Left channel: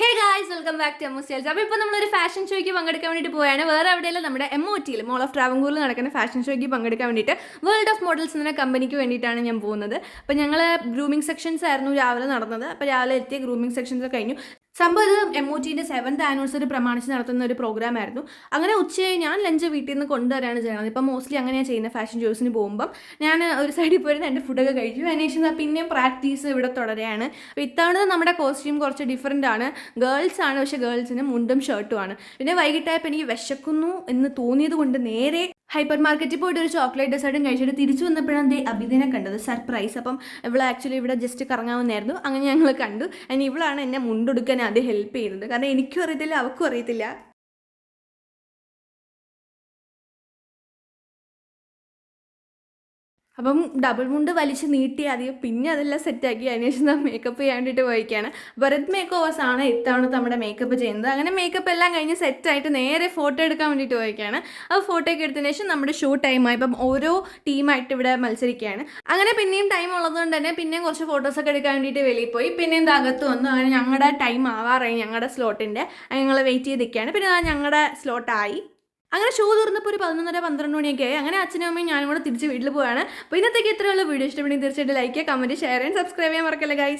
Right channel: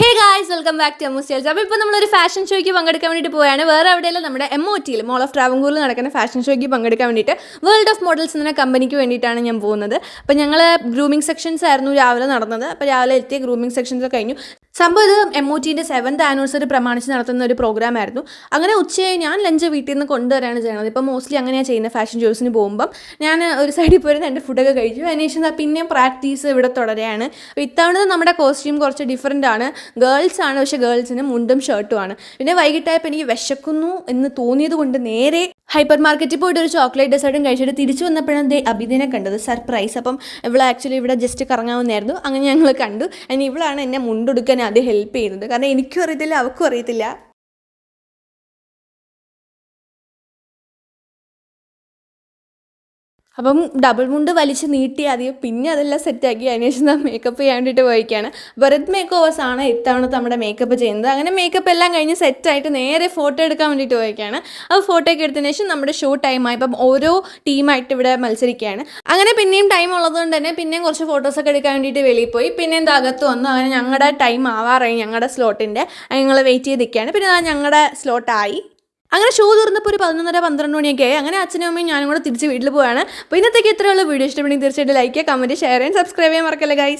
Hey guys, welcome back to Emmu styles. അപ്പോൾ ഇപ്പോൾ നമ്മളൊരു ഫാഷൻ ഷോയ്ക്ക് പങ്കെടുക്കാൻ വേണ്ടിയിട്ട് പോവുകയാണ്. വേറെ എവിടെയല്ല, നമ്മുടെ MOTയിൽ മോൾ ഓഫ് ട്രാവൻകൂറിൽ നടക്കുന്ന ഫാഷൻ ഷോയ്ക്ക് പങ്കെടുക്കാൻ വേണ്ടിയിട്ട് വേൾഡ് ഓഫ് മോഡൽസ് എന്ന കമ്പനിക്ക് വേണ്ടിയിട്ടാണ് ഞാൻ പോകുന്നത്. അപ്പോൾ ഞങ്ങൾ ഗ്രൂമിങ് സെക്ഷൻസ് ആയിരുന്നു രാവിലെ നടന്നത്. അപ്പോൾ രാവിലെ എത്തിയ ഗ്രൂമിങ് സെക്ഷൻസ് കഴിഞ്ഞു. സംഭവം ഇത് MOTൻ്റെ 7th ആനിവേഴ്സറി പ്രമാണിച്ച് നടത്തുന്ന ഒരു പ്രോഗ്രാം ആയിരുന്നു. അങ്ങനെ ഉച്ചയായി ഞാൻ ലഞ്ച് വീട്ടിൽ നിന്ന് കൊണ്ടുവരാണ് ചെയ്യുന്നത്. ഇപ്പോൾ മോസ്റ്റ്ലി അങ്ങനെയാണ് ചെയ്യുന്നത്. ഫാഷൻ ഷോസിന് പോകുമ്പം ഞാൻ ഒരു സൈഡിൽ പോയിരുന്ന് എൻ്റെ ഫുഡൊക്കെ കഴിച്ചു. അതിനുശേഷം പിന്നെയും പ്രാക്ടീസ് ഇവിടെ തുടരുകയാണ്. അപ്പോൾ ഇത്തവണ നമ്മുടെ കോസ്റ്റ്യൂം കുറച്ച് ഡിഫറൻ്റ് ആണ്. ഗേൾസ് ആണ്, പക്ഷേ ഗേൾസിന് മുണ്ടും ഷർട്ടും ആണ്. പിന്നെ വൈകിട്ടായപ്പോൾ എനിക്ക് വിശക്കുന്നു എന്ന് തോന്നിയത് കൊണ്ട് നേരെ ഹൈപ്പർ മാർക്കറ്റിൽ പോയിട്ട് ഒരു ചോക്ലേറ്റ് ഡെസേർട്ടും കഴിച്ചിട്ട് തിരിച്ചു വന്നപ്പോഴാണ് അഭിദിനെ കണ്ടത്. സർപ്രൈസ്. അപ്പം ഇവൾ ആക്ച്വലി ഇവിടെ ജസ്റ്റ് കറങ്ങാവുന്നതായിരുന്നു. അങ്ങനെ ഞങ്ങൾ കണ്ടു. അതിന് ഇവളാണ് എന്നെ മുണ്ടെടുക്കാൻ ആദ്യം ഹെൽപ്പ് ചെയ്യുന്നത്. കാരണം എനിക്കും അറിയത്തില്ല, അവൾക്കും അറിയത്തില്ല. അപ്പം ഡബിൾ മുണ്ട് വലിച്ച് നീട്ടി ആദ്യം, പിന്നെ അതെല്ലാം സെറ്റാക്കി. അതിനുശേഷം മേക്കപ്പ് ചെയ്യാൻ വേണ്ടിയിട്ട് പോയിക്കാണ്. ഭരത് മേക്കോവേഴ്സ് ആണ് ഇത്തവണത്തെ നമ്മുടെ മേക്കപ്പ് ചെയ്യുന്നത്. അങ്ങനെ മേക്കപ്പ് എല്ലാം കഴിഞ്ഞ് സെറ്റായിട്ട് നേരെ ഫോട്ടോ എടുക്കാൻ വേണ്ടിയിട്ട് പോയിക്കാണ്. അപ്പോൾ ഫോട്ടോ ഒക്കെ എടുത്തതിന് ശേഷം നമ്മുടെ ഷോ ടൈമായി. അപ്പം ഓരോ ടീമായിട്ട് ഇവിടെ മത്സരിക്കുകയാണ്. അങ്ങനെ പിന്നെയും ടൈം ഉള്ളതുകൊണ്ട് തന്നെ പിന്നെയും കുറച്ച് ഫോട്ടോസൊക്കെ എടുക്കാൻ വേണ്ടിയിട്ട് വെളിയിൽ പോയി. പിന്നെ എന്താ അകത്ത് വന്നു. അങ്ങനെ ഞങ്ങളുടെ ടൈം ആവാറായി, ഞങ്ങളുടെ സ്ലോട്ടിൻ്റെ. ഞങ്ങൾ വെയിറ്റ് ചെയ്ത് നിൽക്കുകയാണ്. പിന്നെ ഞങ്ങളുടെ സ്ലോട്ടായി. അങ്ങനെ ഷോ തുറന്നപ്പോൾ ഒരു 11:30 12 മണിയൊക്കെ ആയി. അങ്ങനെ അച്ഛനും അമ്മയും ഞാനും കൂടെ തിരിച്ച് വീട്ടിൽ പോവുകയാണ്. അപ്പോൾ ഇന്നത്തേക്ക് ഇത്രയുള്ള വീഡിയോ ഇഷ്ടപ്പെടുമെങ്കിൽ തീർച്ചയായിട്ടും ലൈക്ക് ചെയ്യുക, കമൻറ്റ്, ഷെയർ ചെയ്യാൻ, സബ്സ്ക്രൈബ് ചെയ്യാൻ മറക്കല്ലേ ഗൈസ്.